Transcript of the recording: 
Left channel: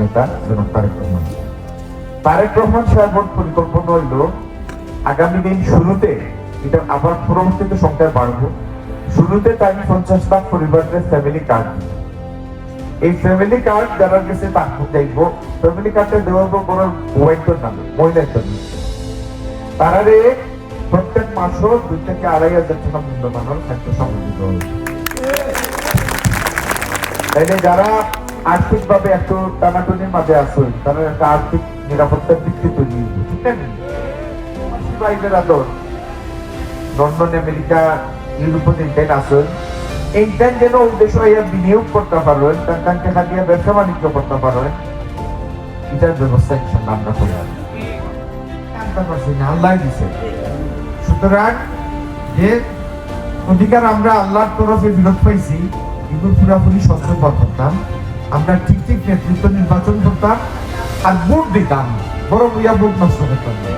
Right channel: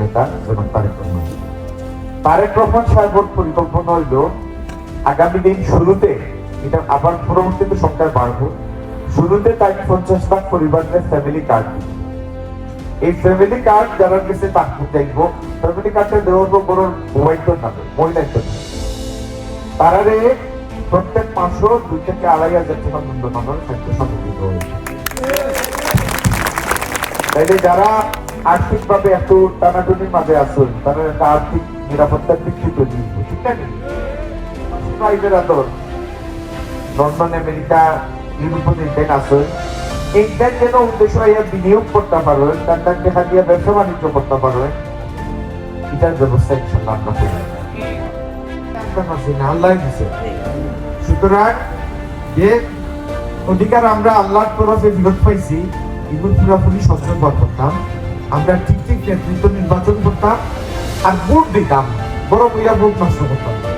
নেতা যেমন তারেক রহমান। তারেক পরিকল্পনা হইল, আগামী দিন শুরুতে এটা আবার পরবর্তীতে সংখ্যা বাড়বো। শুরুতে তাই পঞ্চাশ লাখ পরিবারের ফ্যামিলি কার্ড এই ফ্যামিলি কার্ড যারা কাছে তাকে দেখব ফ্যামিলি কার্ডে দেওয়া হব বড় মোবাইল নামে মহিলার জন্য তারারে প্রত্যেক মাসও দুই থেকে আড়াই হাজার টাকা মূল্যমানের খাদ্য সামগ্রী দেওয়া হবে। তাইলে যারা আর্থিক ভাবে একটু টানাটনির মাঝে আসুন তারা একটা আর্থিক নিরাপত্তার ভিত্তি তৈরি হইবে, ঠিক না লন্ডন আমেরিকা ইউরোপের ইন্ডিয়ান আসুন এইটার যেন উদ্দেশ্য হইয়া বিনিয়োগ করতে পারেন তার তাকে হাতিয়ে ব্যবসা বাণিজ্য করতে পারেন এটার ব্যবস্থা ইনশাল্লাহ আমরা করি। আল্লাহ দিছে। সুতরাং যে অধিকার আমরা আল্লাহর তরফে বিরোধ পাইছি, এগুলো পুরাপুরি সচেতন করতাম আমরা ঠিক ঠিক নেতৃত্ব নির্বাচন করতাম, আর ভোট দিতাম বড় বইয়া ভোট নষ্ট করতাম। না।